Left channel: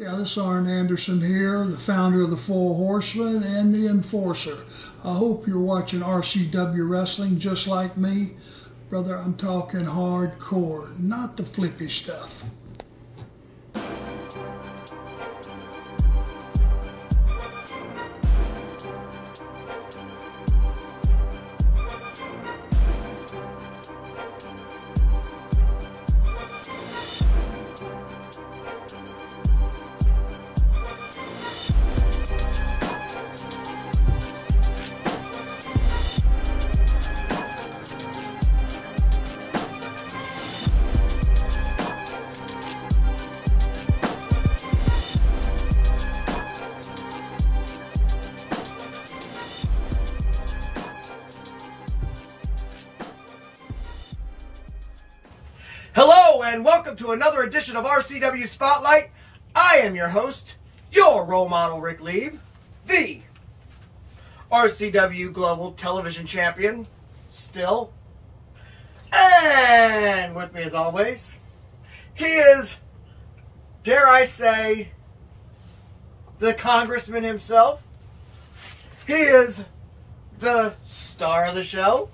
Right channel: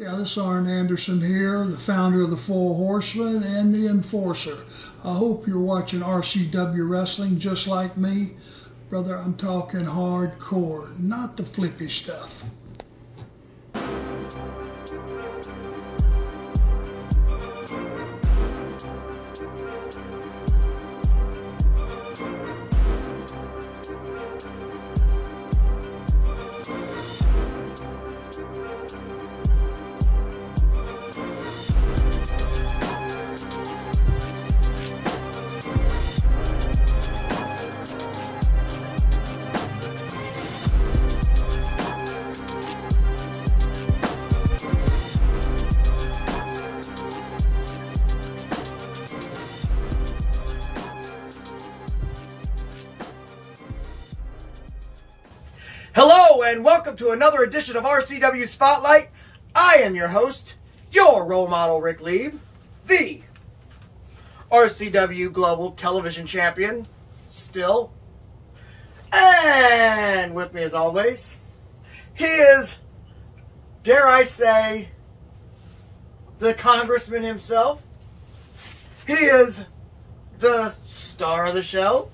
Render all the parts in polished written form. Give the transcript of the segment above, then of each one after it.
Yeah, this is Arn Anderson here, the founder of the Four Horsemen and the Enforcer. I hope you're watching RCW Wrestling just like me. Brother, I'm talking hardcore, not the flippy stuff. Hello and welcome to another edition of RCW Spotlight. I am your host, your role model, Rick Lieb, the RCW Global Television Champion, still. And with me as always, he is, dare I say, the congressman himself. He is the star of the show.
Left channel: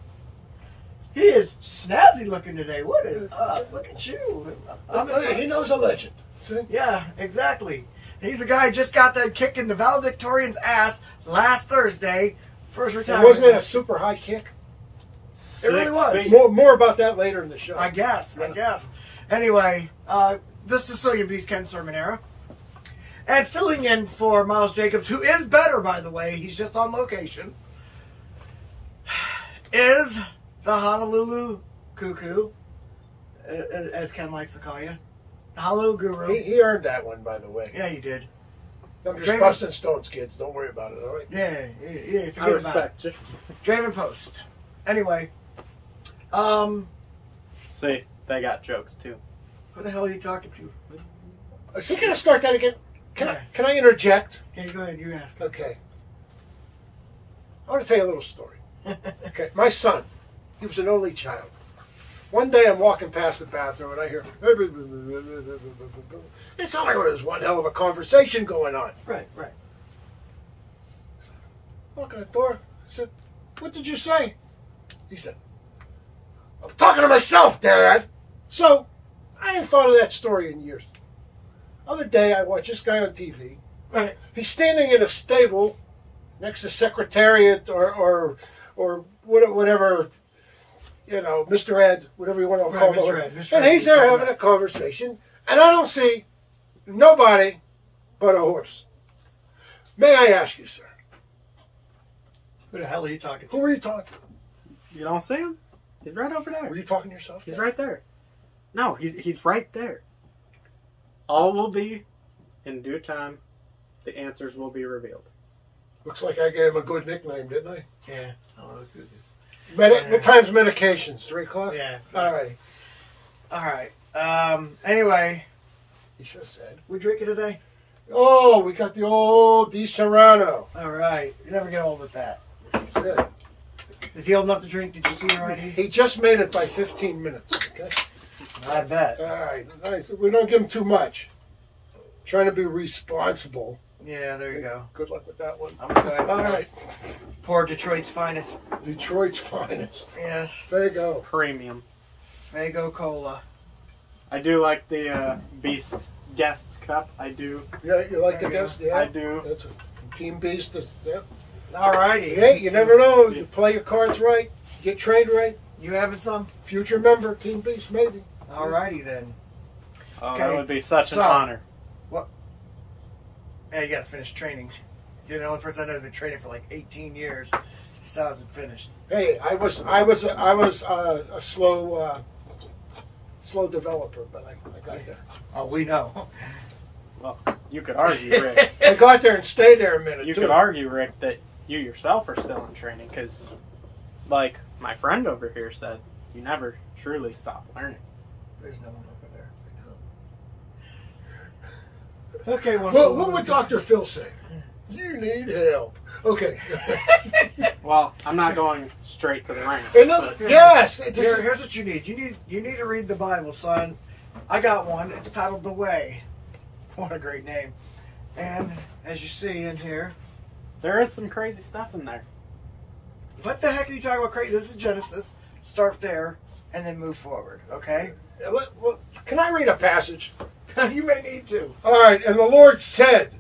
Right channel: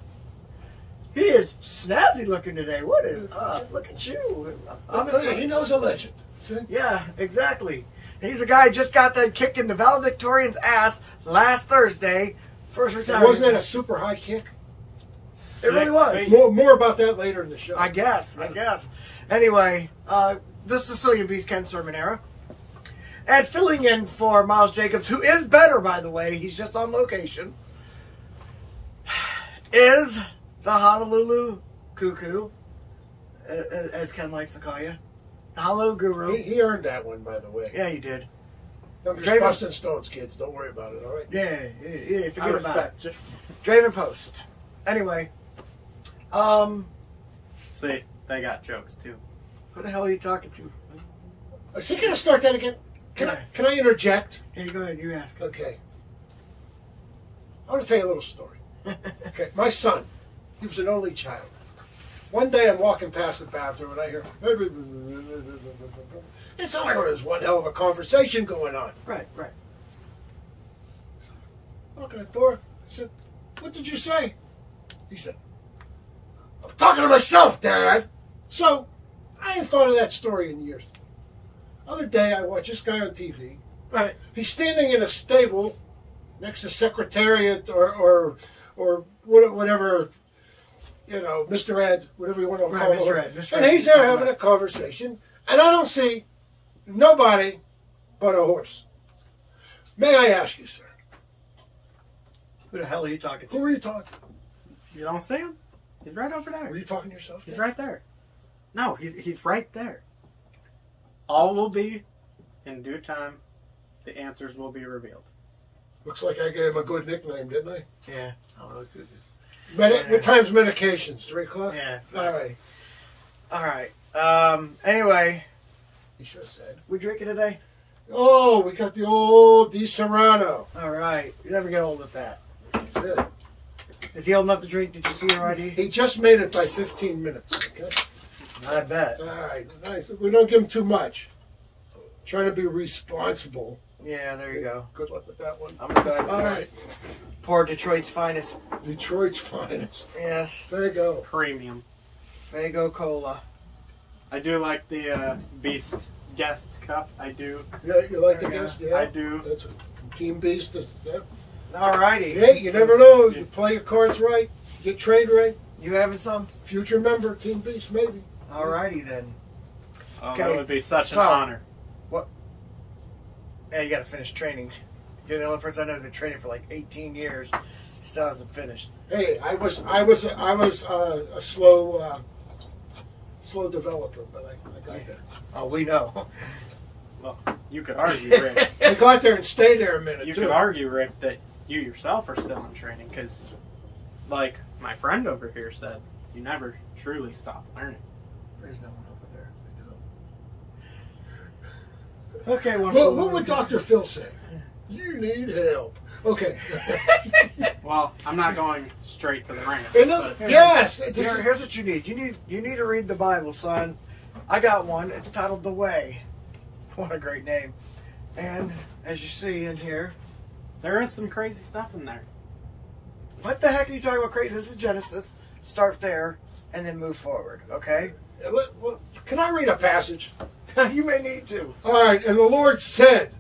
He is snazzy looking today. What is up? Look at you. He knows a legend. See? Yeah, exactly. He's a guy who just got done kicking the valedictorian's ass last Thursday. First retirement. Wasn't it a super high kick? It really was. More about that later in the show. I guess. Anyway, the Sicilian Beast, Ken Sermonera. And filling in for Miles Jacobs, who is better, by the way. He's just on location. Is the Honolulu Cuckoo, as Ken likes to call you. The Honolulu Guru. He earned that one, by the way. Yeah, he did. I'm just busting stones, kids. Don't worry about it, all right? Yeah, forget about it. You. Draven Post. Anyway. See, they got jokes, too. Who the hell are you talking to? Is he going to start that again? Can I interject? Yeah, go ahead. You ask. Okay. I want to tell you a little story. Okay, my son. He was an only child. One day I'm walking past the bathroom and I hear, it's all there's one hell of a conversation going on. Right. Walking at the door, I said, what did you say? He said, I'm talking to myself, Dad. So, I ain't thought of that story in years. Other day I watched this guy on TV. Right. He's standing in a stable next to Secretariat or whatever, you know, Mr. Ed, whatever you want to call him. And he's there having a conversation, and I don't see nobody but a horse. May I ask you, sir? Who the hell are you talking to? Who are you talking to? You don't see him? He's right over there. Were you talking to yourself? He's right there. No, he's right there. All will be in due time. The answers will be revealed. Looks like I gave him a good nickname, didn't I? Yeah. What time's medications? 3 o'clock? Yeah. All right. Anyway. He should have said. We drinking today? Oh, we got the old Di Serrano. All right. You never get old with that. That's it. Is he old enough to drink? Did you see him already? He just made it by 15 minutes. Okay. I bet. All right. Nice. We don't give him too much. Trying to be responsible. Yeah, there you go. Good luck with that one. I'm going to go ahead. All right. Pour Detroit's finest. Detroit's finest. Yes. Fago. Premium. Fago Cola. I do like the Beast Guest Cup. I do. Yeah, you like the guest? Yeah. I do. That's a Team Beast. Yeah. All righty. Hey, you never know. You play your cards right. Get trained right. You having some? Future member, Team Beast, maybe. All righty then. Oh, that would be such an honor. What? Yeah, you got to finish training. You're the only person I know who's been training for like 18 years. Still hasn't finished. Hey, I was a slow developer, but I got there. Oh, we know. Well, you could argue, Rick. I got there and stayed there a minute. You could argue, Rick, that you yourself are still in training because, like my friend over here said, you never truly stop learning. There's no one over there. Okay, what would Dr. Phil say? You need help. Okay. Well, I'm not going straight to the ring. Yes. Here's what you need. You need to read the Bible, son. I got one. It's titled The Way. What a great name. And as you see in here, there is some crazy stuff in there. What the heck are you talking about crazy? This is Genesis. Start there and then move forward, okay? Can I read a passage? You may need to. All right. And the Lord said,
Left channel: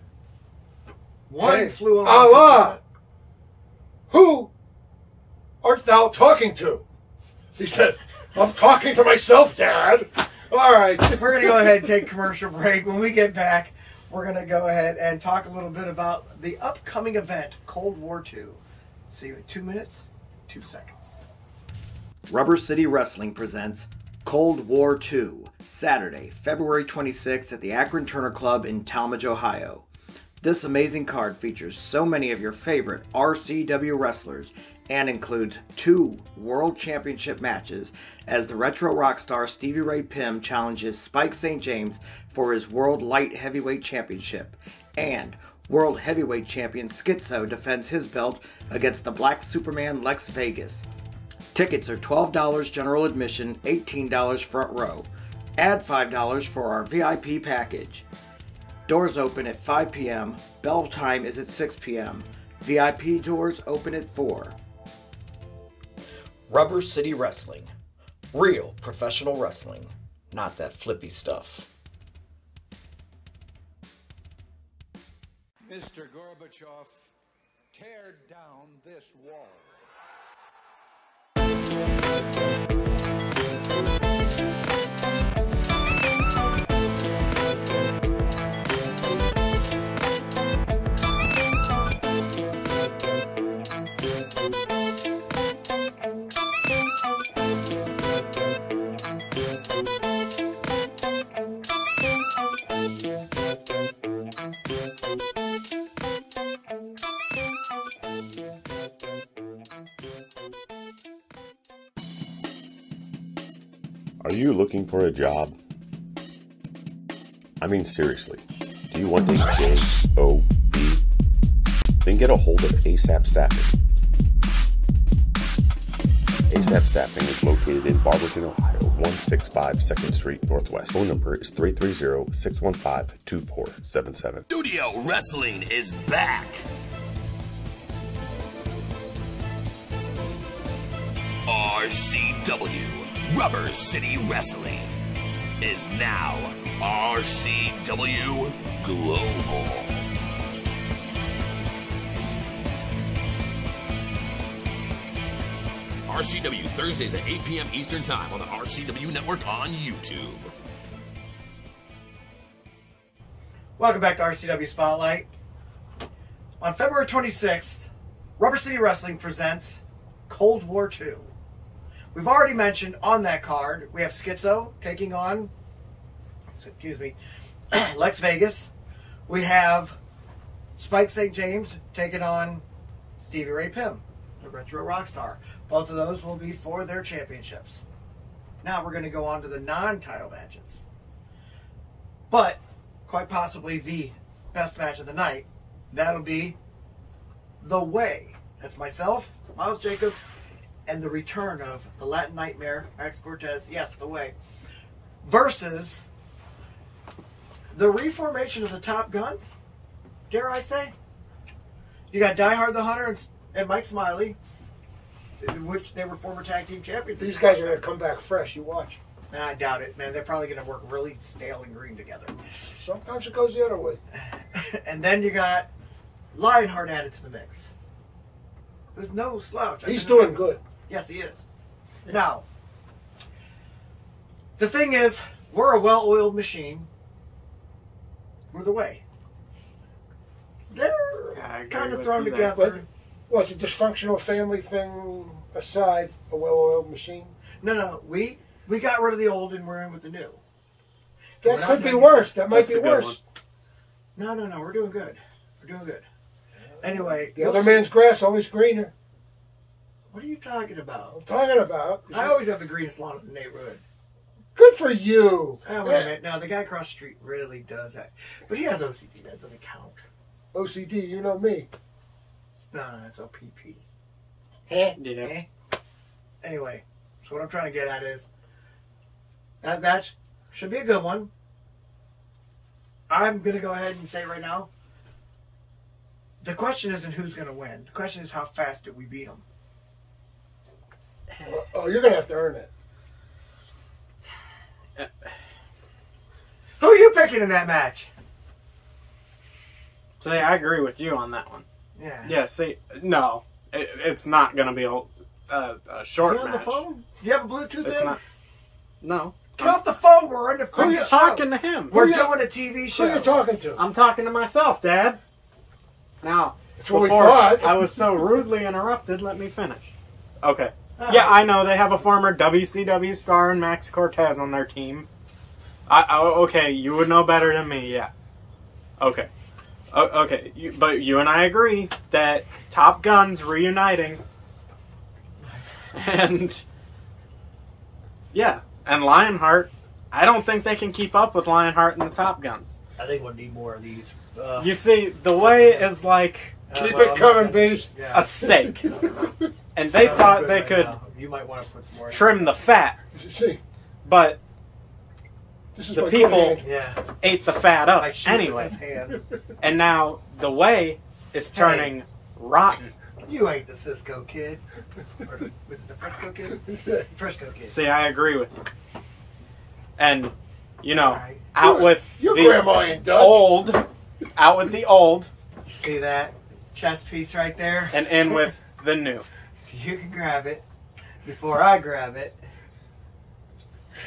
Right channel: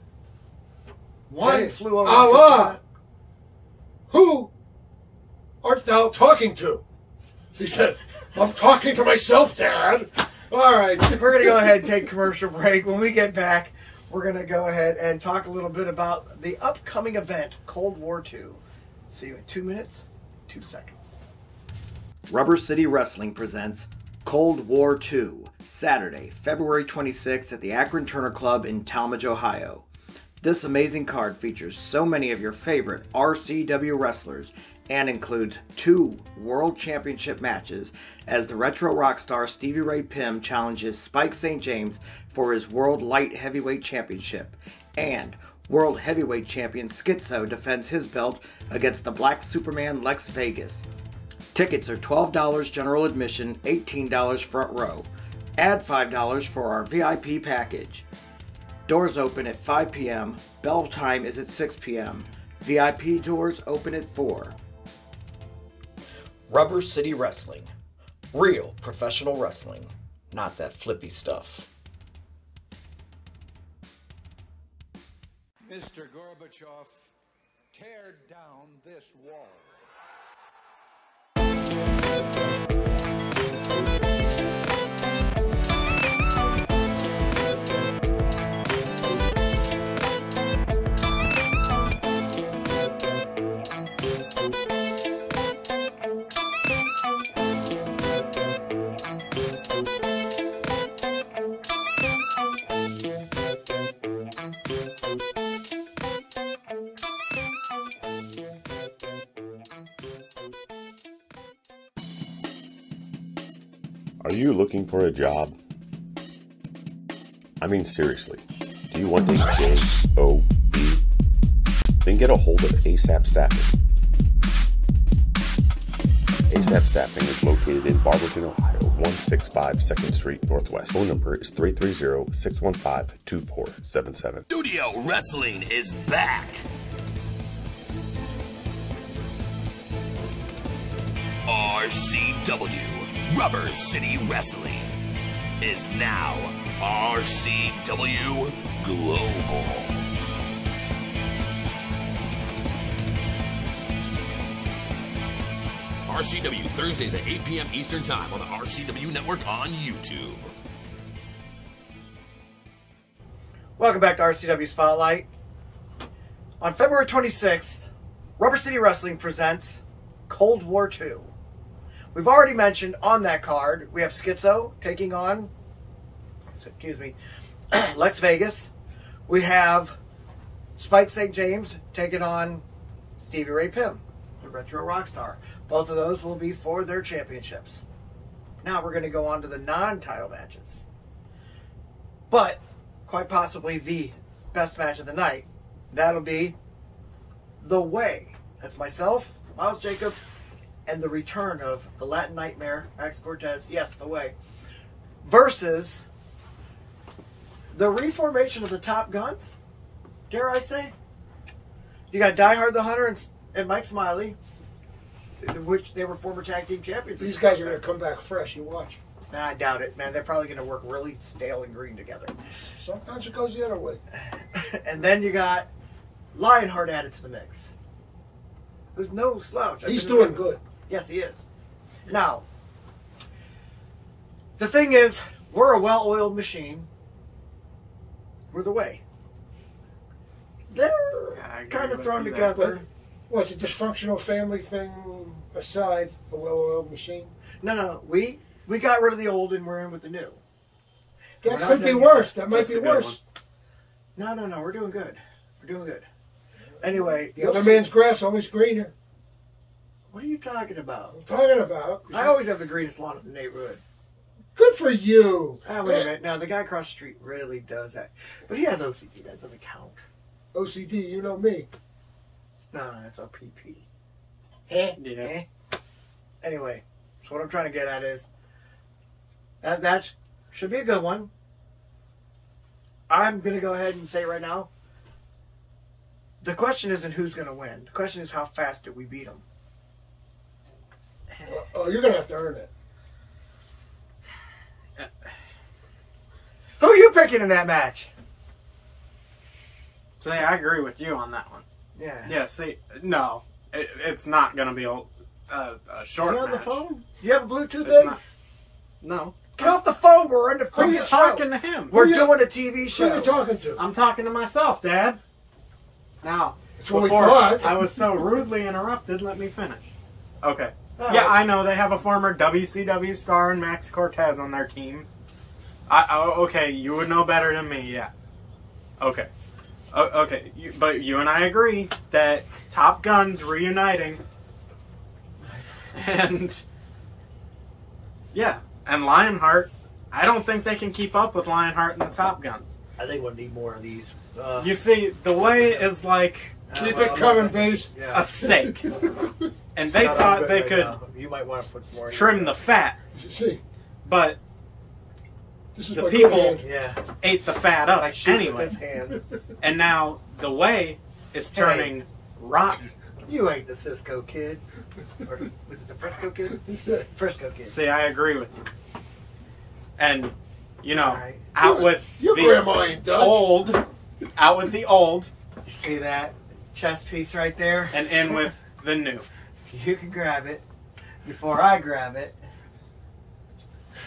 One flew over. Allah, who art thou talking to? He said, I'm talking to myself, Dad. All right. We're going to go ahead and take a commercial break. When we get back, we're going to go ahead and talk a little bit about the upcoming event, Cold War II. See you in 2 minutes, 2 seconds. Rubber City Wrestling presents Cold War II, Saturday, February 26th at the Akron Turner Club in Talmadge, Ohio. This amazing card features so many of your favorite RCW wrestlers and includes 2 World Championship matches as the retro rock star Stevie Ray Pim challenges Spike St. James for his World Light Heavyweight Championship, and World Heavyweight Champion Schizo defends his belt against the Black Superman Lex Vegas. Tickets are $12 general admission, $18 front row. Add $5 for our VIP package. Doors open at 5 p.m. Bell time is at 6 p.m. VIP doors open at 4. Rubber City Wrestling. Real professional wrestling. Not that flippy stuff. Mr. Gorbachev, tear down this wall. Are you looking for a job? I mean, seriously, do you want a job? Then get a hold of ASAP Staffing. ASAP Staffing is located in Barberton, Ohio, 165 2nd Street Northwest. Phone number is 330-615-2477. Studio Wrestling is back. RCW, Rubber City Wrestling, is now RCW Global. RCW Thursdays at 8 p.m. Eastern Time on the RCW Network on YouTube. Welcome back to RCW Spotlight. On February 26th, Rubber City Wrestling presents Cold War II. We've already mentioned on that card, we have Schizo taking on, Lex Vegas. We have Spike St. James taking on Stevie Ray Pim, the retro rock star. Both of those will be for their championships. Now we're going to go on to the non-title matches. But, quite possibly the best match of the night, that'll be The Way. That's myself, Miles Jacobs, and the return of the Latin Nightmare, Max Cortez, yes, The Way, versus the reformation of the Top Guns, dare I say. You got Die Hard the Hunter and Mike Smiley, in which they were former tag team champions. These guys are going to come back fresh, you watch. I doubt it, man. They're probably going to work really stale and green together. Sometimes it goes the other way. And then you got Lionheart added to the mix. There's no slouch. He's doing good. Yes, he is. Now, the thing is, we're a well-oiled machine. We're The Way. They're kind of thrown together. What, the dysfunctional family thing aside, a well-oiled machine? No. We got rid of the old and we're in with the new. That could be worse. That might be worse. No. We're doing good. We're doing good. Anyway. The other man's grass always greener. What are you talking about? I'm talking about. I always have the greenest lawn in the neighborhood. Good for you. Oh, wait a minute. No, the guy across the street really does that. But he has OCD. That doesn't count. OCD, you know me. No, it's OPP. Yeah. Anyway, so what I'm trying to get at is that match should be a good one. I'm going to go ahead and say right now, the question isn't who's going to win. The question is how fast do we beat them. Oh, you're going to have to earn it. Who are you picking in that match? See, I agree with you on that one. Yeah. Yeah, see, no. It's not going to be a short match. Do you have a phone? Do you have a Bluetooth It's in? not. No. Get off the phone. We're on the phone. I'm talking to him. We're doing a TV show. Who are you talking to? I'm talking to myself, Dad. Now, That's what we before thought. I was so rudely interrupted, let me finish. Okay. All Yeah, right. I know they have a former WCW star and Max Cortez on their team. Okay, you would know better than me, yeah. Okay. Okay, but you and I agree that Top Gun's reuniting. And, yeah, and Lionheart, I don't think they can keep up with Lionheart and the Top Guns. I think we'll need more of these. You see, the way is like Keep it coming, Beast. a steak. And they thought they could You might want to put some more. trim the fat, You see, but this is the my people good hand. Yeah. ate the fat up Like shoot with anyway. his hand. And now the way is turning rotten. You ain't the Cisco Kid. Or, was it the Frisco Kid? Frisco Kid. See, I agree with you. And, you know, Right. out with Your the grandma ain't Dutch. out with the old, You see that chest piece right there? and in with the new. You can grab it before I grab it.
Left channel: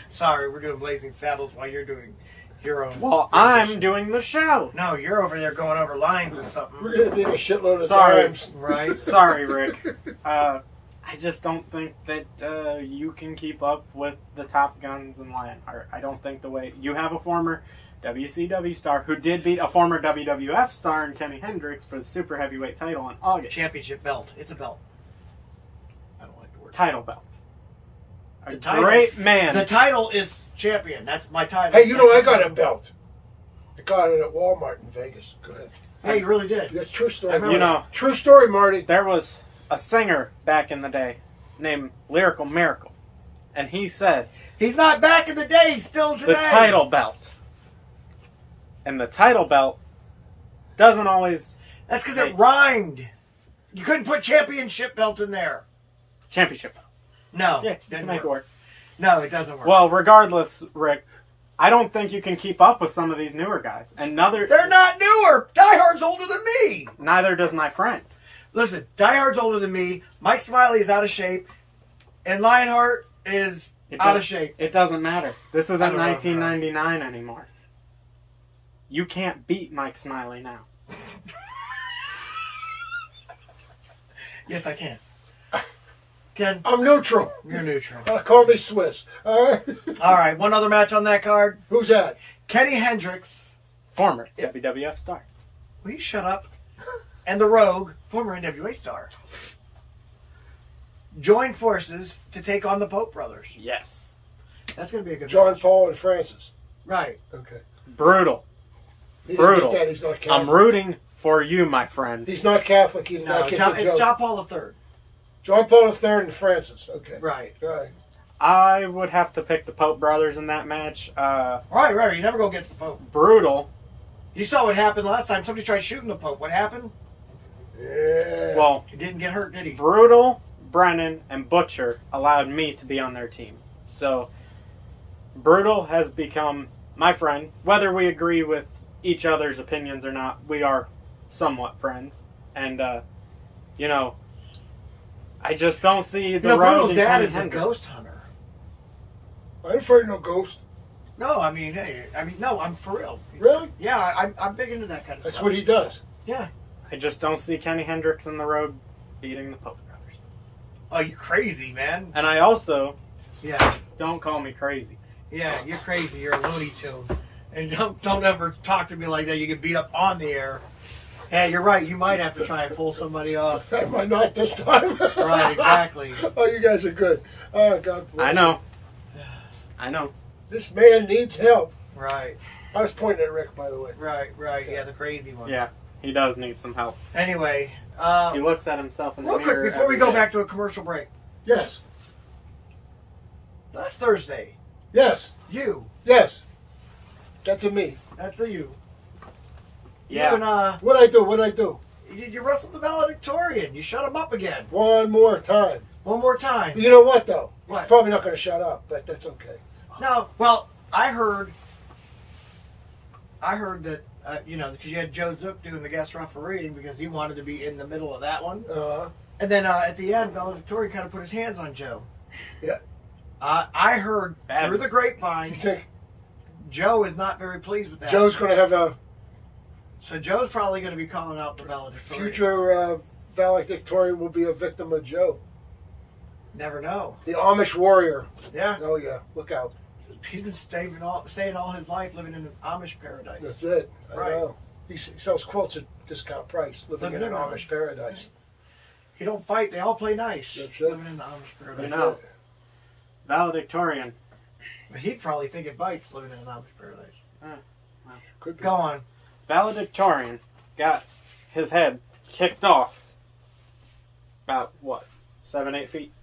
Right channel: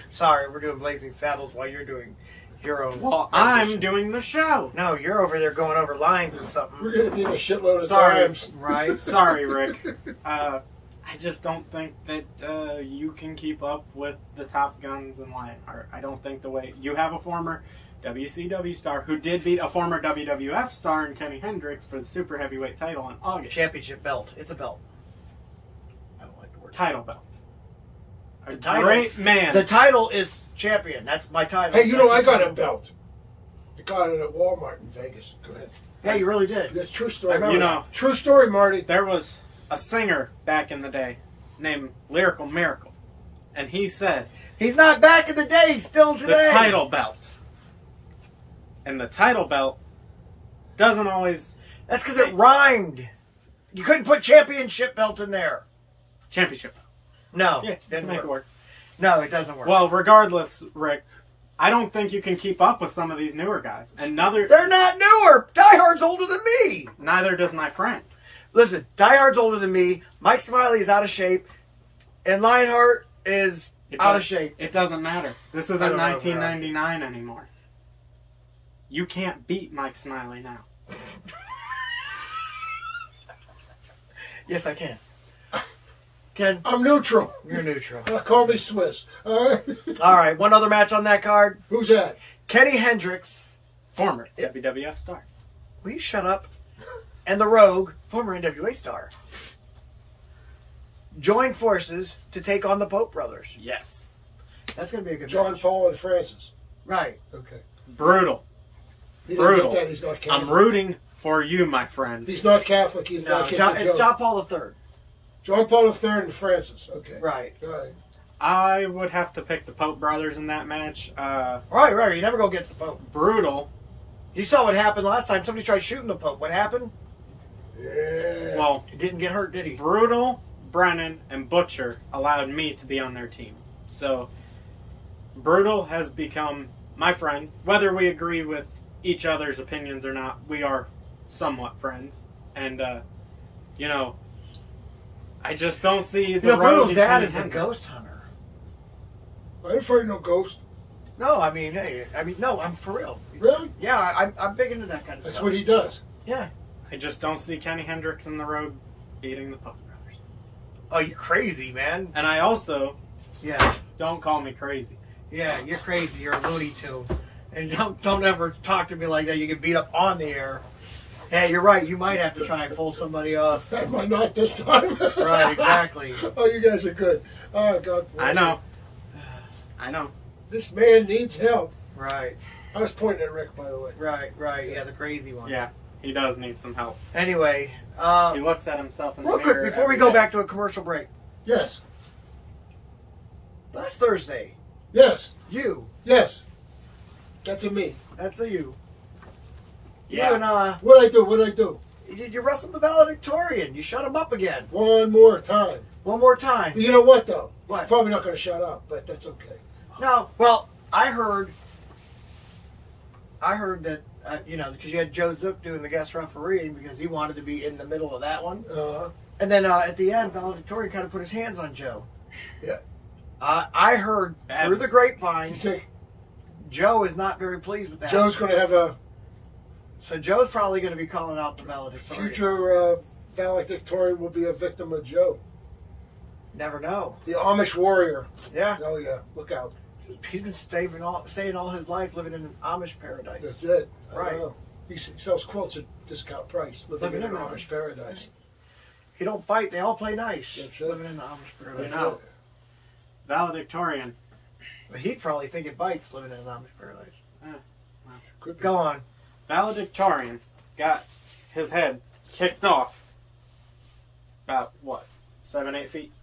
Sorry, we're doing Blazing Saddles while you're doing your own. Well, I'm doing the show. No, you're over there going over lines or something. We're going to need a shitload of Sorry. times. Right? Sorry, Rick. I just don't think that you can keep up with the Top Guns and Lionheart. I don't think the way you have a former WCW star who did beat a former WWF star in Kenny Hendricks for the super heavyweight title in August. Championship belt. It's a belt. I don't like the word Title belt. A The title. great man. The title is champion. That's my title. Hey, you know, I That's the got a title. belt. I got it at Walmart in Vegas. Go ahead. Yeah, you really did. That's true I story. remember You know, True story, Marty. there was a singer back in the day named Lyrical Miracle, and he said He's not back in the day. He's still the today. title belt. And the title belt doesn't always That's because it rhymed. You couldn't put championship belt in there. championship belt. No. Yeah, didn't make it work. work. No, it doesn't work. Well, regardless, Rick, I don't think you can keep up with some of these newer guys. And they're not newer. Die Hard's older than me. neither does my friend. Listen, Die Hard's older than me. Mike Smiley is out of shape. And Lionheart is out of shape. It doesn't matter. This isn't I don't know, 1999 anymore. You can't beat Mike Smiley now. Yes, I can. Ken, I'm neutral. you're neutral. Call me Swiss. All right. All right, one other match on that card. Who's that? Kenny Hendricks. Former WWF star. Will you shut up? And the Rogue, former NWA star, join forces to take on the Pope brothers. Yes. That's going to be a good John match. Paul and Francis. Right. Okay. Brutal. He didn't Brutal. get that. He's not Catholic. I'm rooting for you, my friend. He's not Catholic. He's No, not Catholic. it's John Paul III. John Paul III and Francis. Okay. Right. Right. I would have to pick the Pope brothers in that match. Right. You never go against the Pope. Brutal. You saw what happened last time. Somebody tried shooting the Pope. What happened? Yeah. Well, He didn't get hurt, did he? Brutal, Brennan, and Butcher allowed me to be on their team. So, Brutal has become my friend. Whether we agree with each other's opinions or not, we are somewhat friends. And, you know, I just don't see the road Brutal's in dad Kenny is a Hendricks. ghost hunter. I ain't afraid of no ghost. No, I mean, no, I'm for real. Really? Yeah, I'm big into that kind of That's stuff. what he does. Yeah. I just don't see Kenny Hendricks in the road beating the Pope brothers. Oh, you crazy, man. And I also, Yeah. don't call me crazy. Yeah, you're crazy. You're a Looney Tune. And don't ever talk to me like that. You get beat up on the air. Yeah, you're right. You might have to try and pull somebody off. Am I not this time? Right, exactly. Oh, you guys are good. Oh, God bless I know. I know. you. This man needs help. Right, I was pointing at Rick, by the way. right. Yeah, the crazy one. Yeah, he does need some help. Anyway, He looks at himself in the real mirror. quick, before we every go day. back to a commercial break. Yes. Last Thursday, Yes. you, Yes. That's a me. that's a you, Yeah. You and, What'd I do? What'd I do? you wrestled the valedictorian. You shut him up again. One more time. One more time. You know what, though? What? He's probably not going to shut up, but that's okay. No. Well, I heard that, you know, because you had Joe Zook doing the guest refereeing because he wanted to be in the middle of that one. And then at the end, valedictorian kind of put his hands on Joe. Yeah. I heard through the grapevine, You think Joe is not very pleased with that. Joe's going to have a So Joe's probably going to be calling out the valedictorian. future valedictorian will be a victim of Joe? Never know. The Amish Warrior. Yeah. Oh, yeah. Look out. He's been staying all his life living in an Amish paradise. That's it. I Right. know. He sells quilts at discount price, living in an Amish paradise. He don't fight. They all play nice. That's it. Living in the Amish paradise. I know. Valedictorian. But he'd probably think it bites living in an Amish paradise. Could be. Go on. Valedictorian got his head kicked off about, what, 7, 8 feet?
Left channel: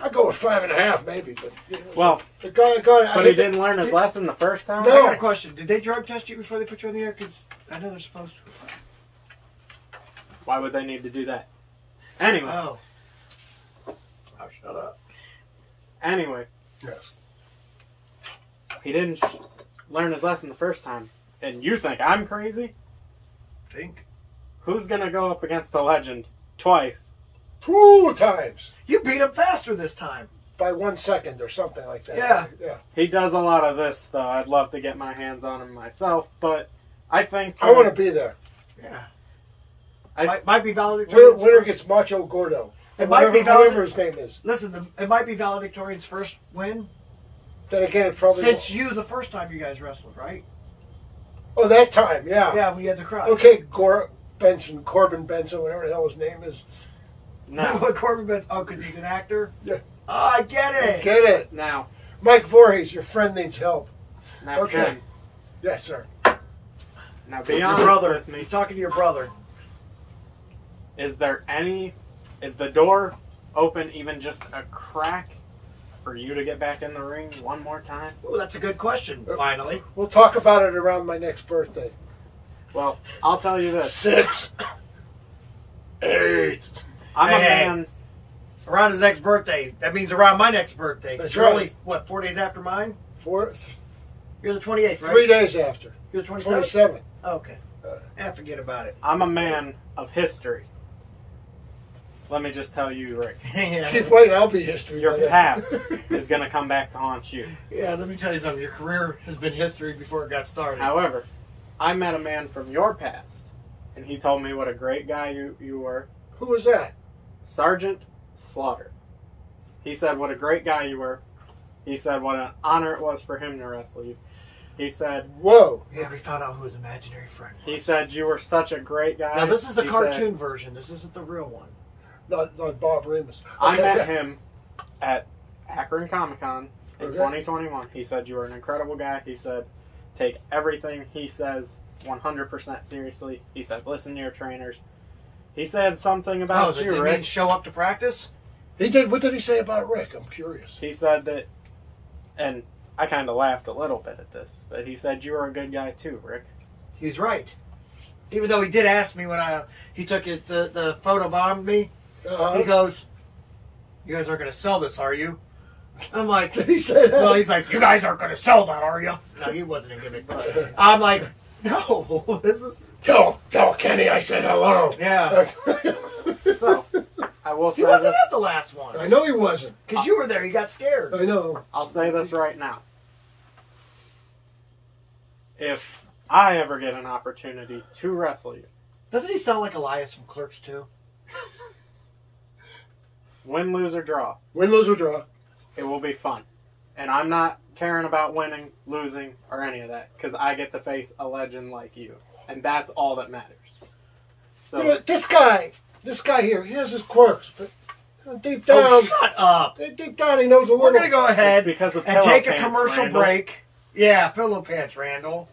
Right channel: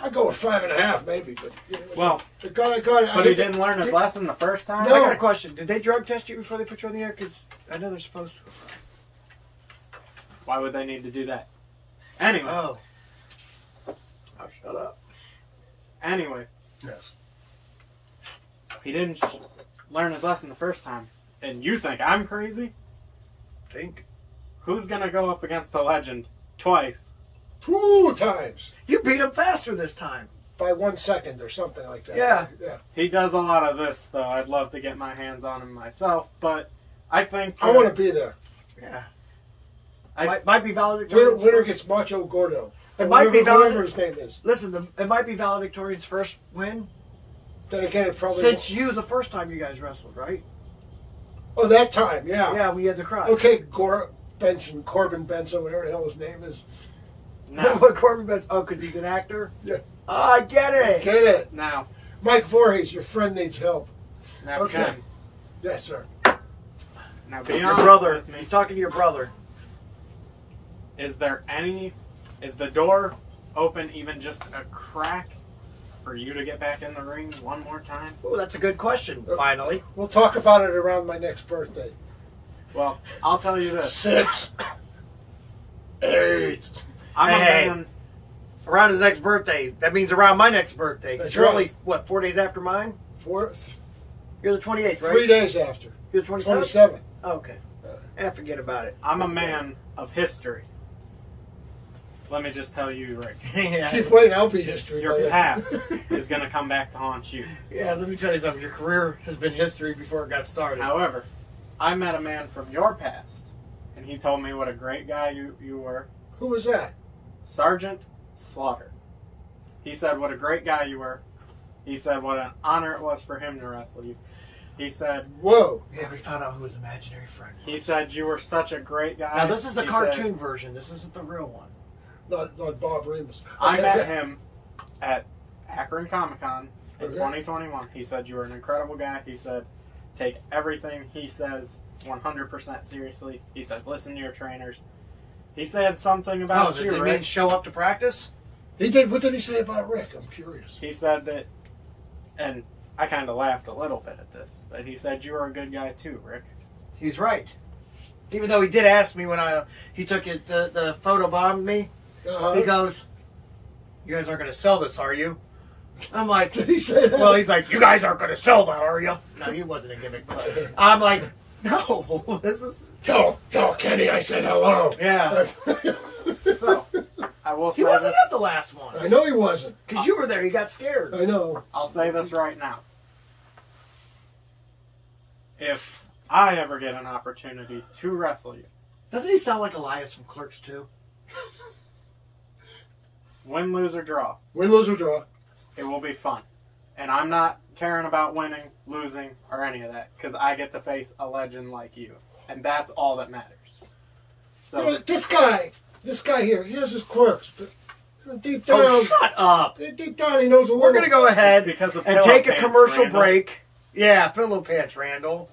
I'd go with 5.5 maybe, but you know, Well, but he didn't learn his lesson the first time? No. I got a question. Did they drug test you before they put you on the air? Because I know they're supposed to. Why would they need to do that? Anyway. Oh, shut up. Anyway. Yes. He didn't learn his lesson the first time. And you think I'm crazy? Think. Who's going to go up against the legend twice? 2 times. You beat him faster this time. By 1 second or something like that. Yeah. Yeah. He does a lot of this, though. I'd love to get my hands on him myself, but I think... I want to be there. Yeah. Might be valedictorian's Winner first. gets Macho Gordo. It might be whatever his name is. Listen, it might be valedictorian's first win. Then again, it probably... Since you, the first time you guys wrestled, right? Oh, that time, yeah. Yeah, when you had the crowd. Okay, Corbin Benson, whatever the hell his name is. No. What Corbin Benson? Oh, because he's an actor? Yeah. Oh, I get it. Get it. Now. Mike Voorhees, your friend needs help. Now, Okay. Ken, Yes, sir. now be Your honest brother. with me. He's talking to your brother. Is the door open even just a crack for you to get back in the ring one more time? Oh, that's a good question, finally. We'll talk about it around my next birthday. Well, I'll tell you this. 6, 8. I'm a man. Around his next birthday. That means around my next birthday. That's You're right. only, what, 4 days after mine? 4, You're the 28th, right? 3 days after. You're the 27th? 27. Oh, okay. Forget about it. I'm a man of history. Let me just tell you, Rick. Yeah. Keep waiting, I'll be history. by Your then. past is going to come back to haunt you. Yeah, let me tell you something. Your career has been history before it got started. However, I met a man from your past, and he told me what a great guy you were. Who was that? Sergeant Slaughter. He said what a great guy you were. He said what an honor it was for him to wrestle you. He said... Whoa. Yeah, we found out who his imaginary friend was. He said you were such a great guy. Now, this is the He cartoon said, version. This isn't the real one. Not Bob Remus. I Okay. met him at Akron Comic-Con in Okay. 2021. He said you were an incredible guy. He said take everything he says 100% seriously. He said listen to your trainers. He said something about does you, it Rick. mean show up to practice? He did. What did he say about Rick? I'm curious. He said that, and I kind of laughed a little bit at this, but he said you were a good guy too, Rick. He's right. Even though he did ask me when he took it, the photo bombed me. He goes, "You guys aren't going to sell this, are you?" I'm like, He said that? "Well," he's like, "You guys aren't going to sell that, are you?" No, he wasn't a gimmick. But I'm like, "No, this is." Tell Kenny I said hello. Yeah. So, I will say He wasn't this. at the last one I know he wasn't. because you were there. You got scared. I know. I'll say this right now. If I ever get an opportunity to wrestle you, Doesn't he sound like Elias from Clerks 2? win, lose, or draw, Win, lose, or draw. it will be fun. And I'm not caring about winning, losing, or any of that, because I get to face a legend like you. And that's all that matters. You know, So, this guy here, he has his quirks, but deep down, Oh, shut up. deep down, he knows a little. We're going to go ahead because of and pillow take a pants, commercial Randall. break. Yeah, pillow pants, Randall.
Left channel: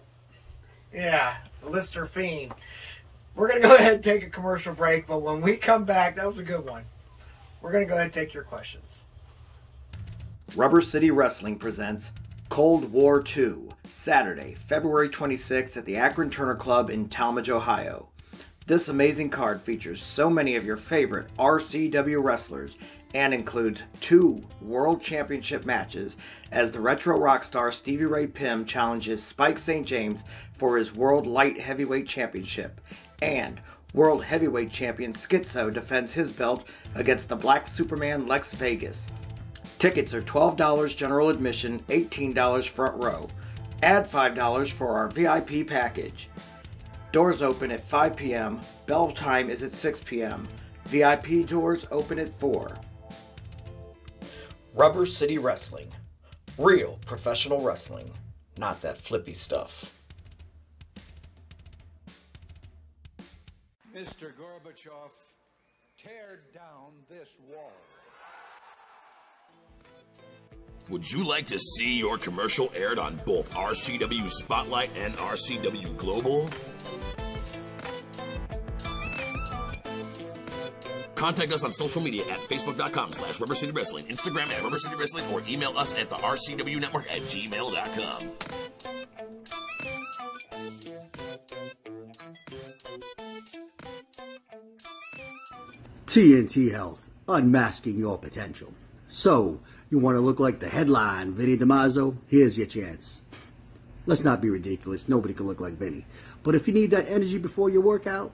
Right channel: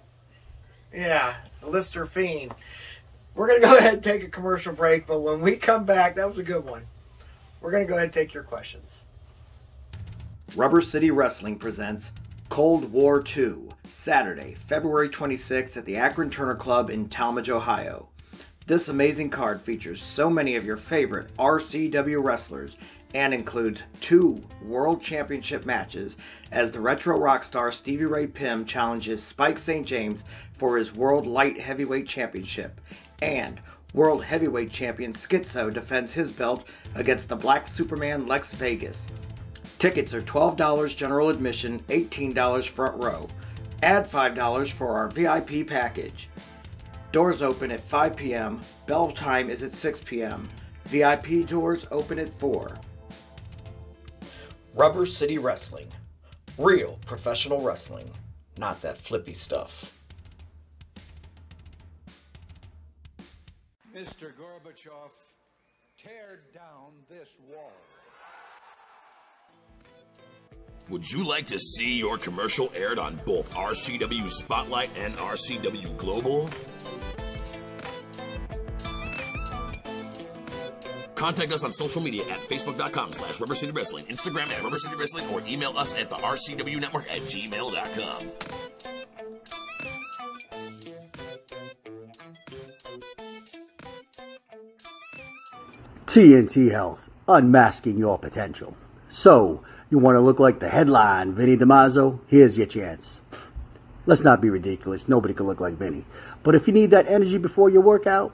Yeah, Lister Fiend. We're going to go ahead and take a commercial break, but when we come back, that was a good one. We're going to go ahead and take your questions. Rubber City Wrestling presents Cold War 2, Saturday, February 26th at the Akron Turner Club in Talmadge, Ohio. This amazing card features so many of your favorite RCW wrestlers and includes 2 World Championship matches as the retro rock star Stevie Ray Pym challenges Spike St. James for his World Light Heavyweight Championship, and World Heavyweight Champion Schizo defends his belt against the Black Superman Lex Vegas. Tickets are $12 general admission, $18 front row. Add $5 for our VIP package. Doors open at 5 p.m. Bell time is at 6 p.m. VIP doors open at 4. Rubber City Wrestling. Real professional wrestling. Not that flippy stuff. Mr. Gorbachev, tear down this wall. Would you like to see your commercial aired on both RCW Spotlight and RCW Global? Contact us on social media at facebook.com/Rubber City Wrestling, Instagram at Rubber City Wrestling, or email us at the RCW Network at gmail.com. TNT Health, unmasking your potential. So, you want to look like the headline Vinny DiMaggio? Here's your chance. Let's not be ridiculous. Nobody can look like Vinny. But if you need that energy before your workout,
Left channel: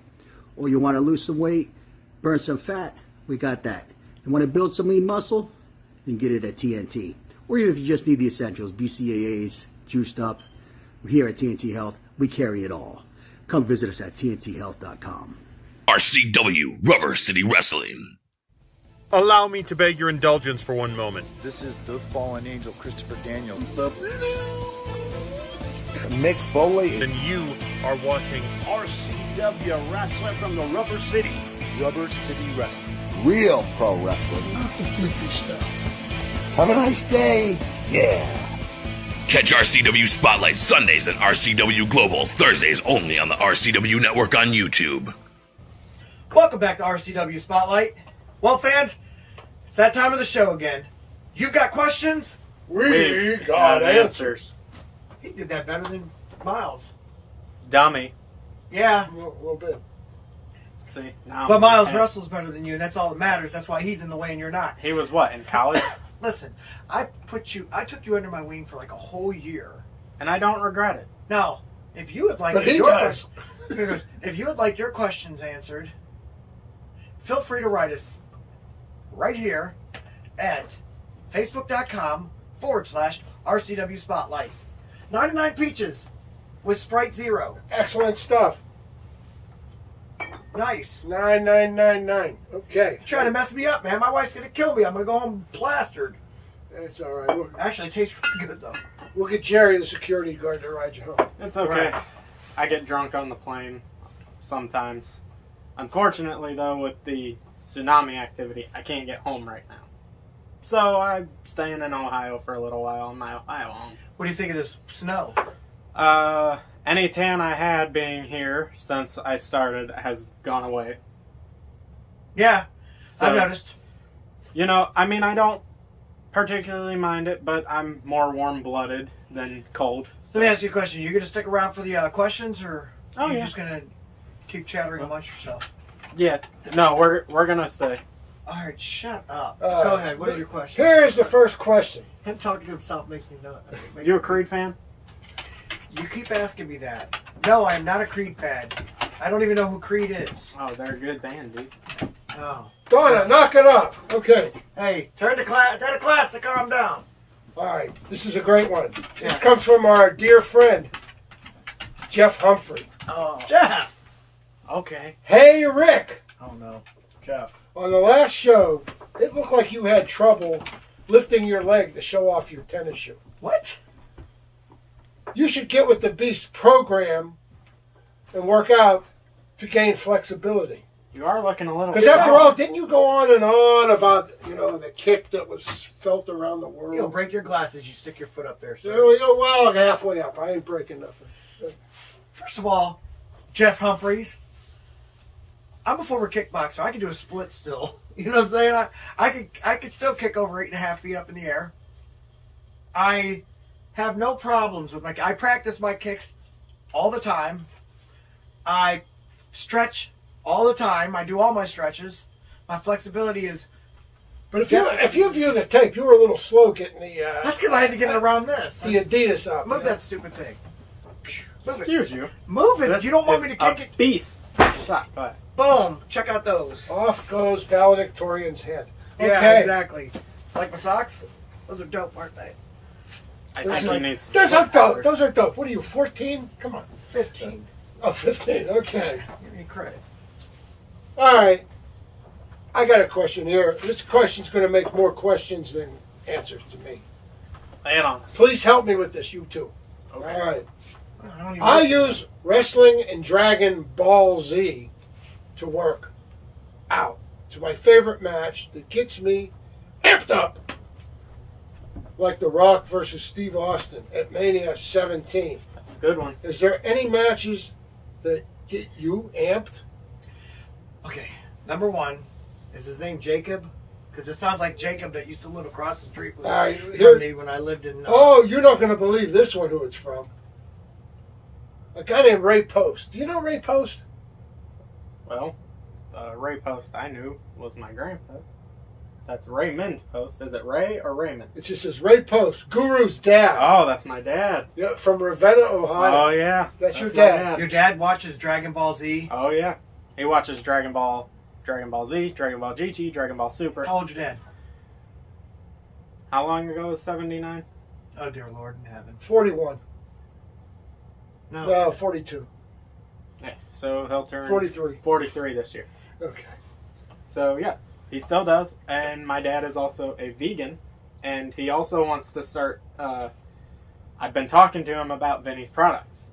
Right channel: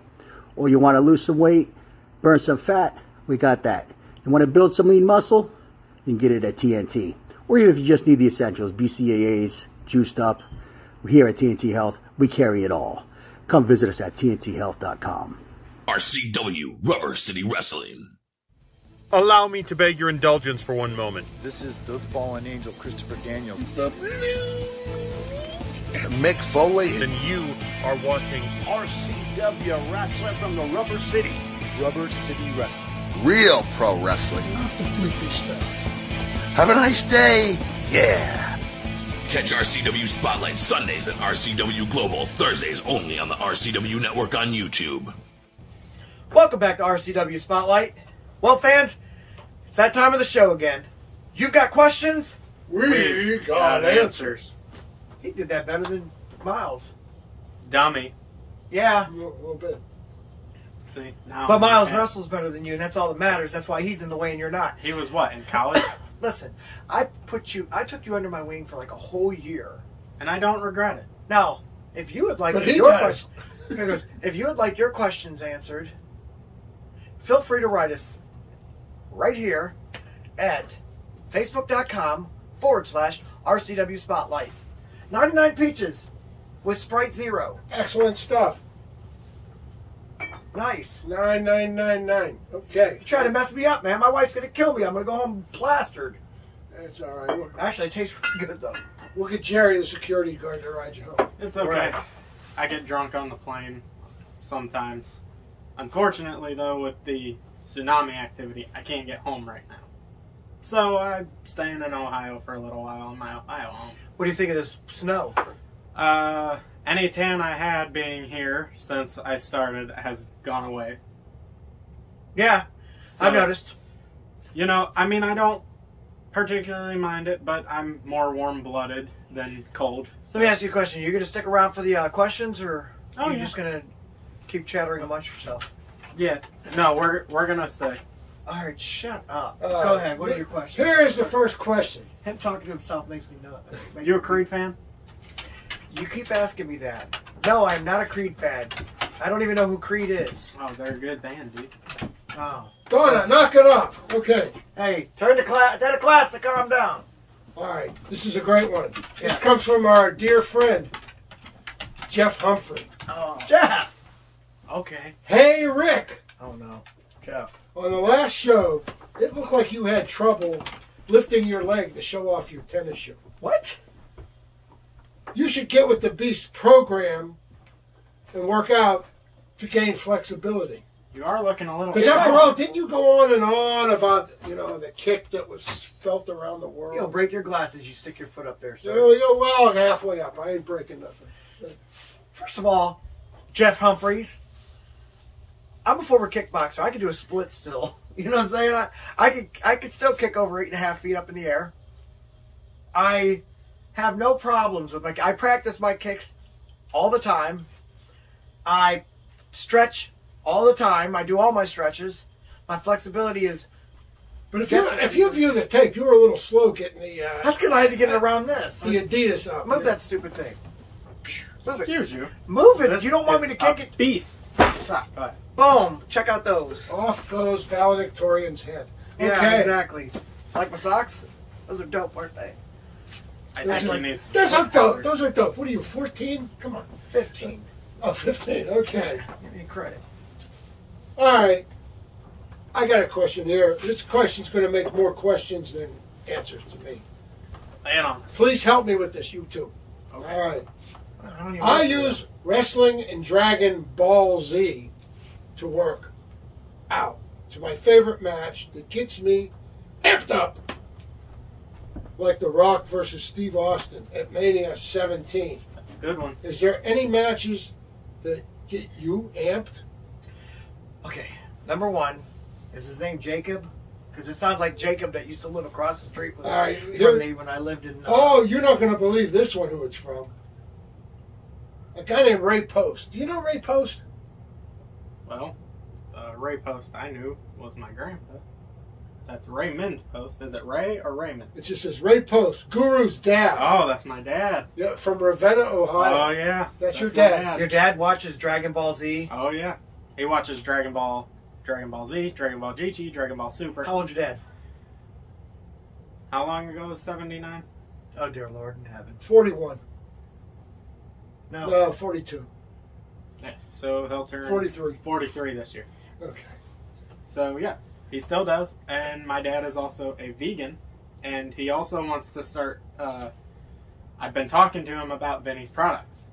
or you want to lose some weight, burn some fat, we got that. You want to build some lean muscle? You can get it at TNT. Or even if you just need the essentials, BCAAs, juiced up. Here at TNT Health, we carry it all. Come visit us at tnthealth.com. RCW Rubber City Wrestling. Allow me to beg your indulgence for one moment. This is the fallen angel, Christopher Daniels. Mick Foley. And you are watching RCW Wrestling from the Rubber City. Rubber City Wrestling. Real pro wrestling. Not the flippy stuff. Have a nice day. Yeah. Catch RCW Spotlight Sundays and RCW Global Thursdays only on the RCW Network on YouTube. Welcome back to RCW Spotlight. Well, fans, it's that time of the show again. You've got questions? We got answers. He did that better than Miles. Dummy. Yeah. A little bit. See, now but Miles wrestles better than you, and that's all that matters. That's why he's in the way and you're not. He was what, in college? Listen, I took you under my wing for like a whole year. And I don't regret it. Now, if you would like if you would like your questions answered, feel free to write us right here at facebook.com/RCW Spotlight. 99 peaches with Sprite Zero. Excellent stuff. Nice. 9999. Okay. You're trying to mess me up, man. My wife's going to kill me. I'm going to go home plastered. That's all right. Actually, it tastes really good, though. We'll get Jerry, the security guard, to ride you home. It's okay. Right. I get drunk on the plane sometimes. Unfortunately, though, with the tsunami activity, I can't get home right now. So I'm staying in Ohio for a little while in my Ohio home. What do you think of this snow? Any tan I had being here since I started has gone away. Yeah, so, I've noticed. You know, I mean, I don't particularly mind it, but I'm more warm-blooded than cold. So. Let me ask you a question. You going to stick around for the questions, or are you yeah. just going to keep chattering amongst yourself? Yeah. No, we're going to stay. All right, shut up. Go ahead. What are your questions? Here is the first question. Him talking to himself makes me nuts. You a Creed fan? You keep asking me that. No, I'm not a Creed fan. I don't even know who Creed is. Oh, they're a good band, dude. Oh. Donna, knock it off. Okay. Hey, tell the class to calm down. All right. This is a great one. Yeah. This comes from our dear friend, Jeff Humphrey. Oh. Jeff! Okay. Hey, Rick. Oh, no. Jeff. On the last show, it looked like you had trouble lifting your leg to show off your tennis shoe. What? You should get with the Beast program and work out to gain flexibility. You are looking a little... Because after all, didn't you go on and on about, the kick that was felt around the world? You'll break your glasses. You stick your foot up there, sir. There we go. Well, halfway up. I ain't breaking nothing. First of all, Jeff Humphreys, I'm a former kickboxer. I can do a split still. You know what I'm saying? I could still kick over 8.5 feet up in the air. I have no problems with I practice my kicks all the time. I stretch all the time. I do all my stretches. My flexibility is... But if you view the tape, you were a little slow getting the... That's because I had to get it around this. The Adidas up. Move that stupid thing. Move Excuse you. Move it. This You don't want me to kick it. Beast. Shot glass. Boom. Check out those. Off goes valedictorian's head. Okay. Yeah, exactly. Like my socks? Those are dope, aren't they? Those are dope. Those are dope. What are you, 14? Come on. 15. Oh, 15. Okay. Give me credit. All right. I got a question here. This question's going to make more questions than answers to me. Lay it on. Please help me with this, you two. Okay. All right. I use wrestling and Dragon Ball Z to work out. It's my favorite match that gets me amped up. Like The Rock versus Steve Austin at Mania 17. That's a good one. Is there any matches that get you amped? Okay. Number one, is his name Jacob? Because it sounds like Jacob that used to live across the street from me when I lived in... oh, you're not going to believe this one, who it's from. A guy named Ray Post. Do you know Ray Post? Well, Ray Post I knew was my grandpa. That's Raymond Post. Is it Ray or Raymond? It just says Ray Post, Guru's dad. Oh, that's my dad. Yeah, from Ravenna, Ohio. Oh, yeah. That's your dad. Your dad watches Dragon Ball Z? Oh, yeah. He watches Dragon Ball Z, Dragon Ball GT, Dragon Ball Super. How old's your dad? How long ago was 79? Oh, dear Lord in heaven. 41. No. 42. Yeah, so he'll turn 43 this year. Okay. So, yeah, he still does. And my dad is also a vegan. And he also wants to start... I've been talking to him about Vinny's products.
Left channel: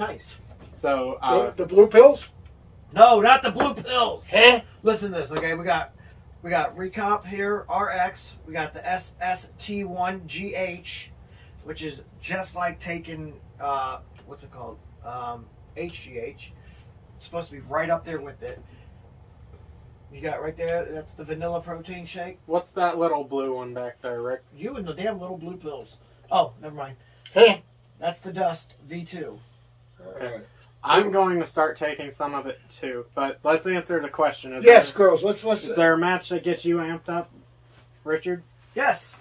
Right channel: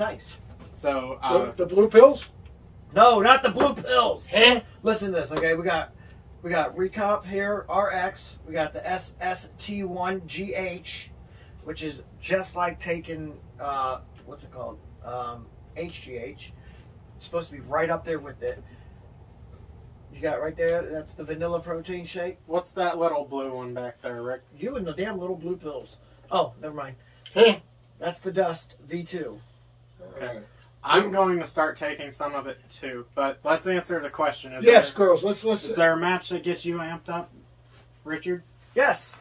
Nice. So... the blue pills? No, not the blue pills. Huh? Listen to this, okay? We got Recomp here, RX. We got the SST1GH, which is just like taking, what's it called? HGH. It's supposed to be right up there with it. You got right there, that's the vanilla protein shake. What's that little blue one back there, Rick? You and the damn little blue pills. Oh, never mind. That's the Dust V2. Okay. I'm going to start taking some of it too, but let's answer the question. Girls, let's. Is there a match that gets you amped up, Richard? Yes.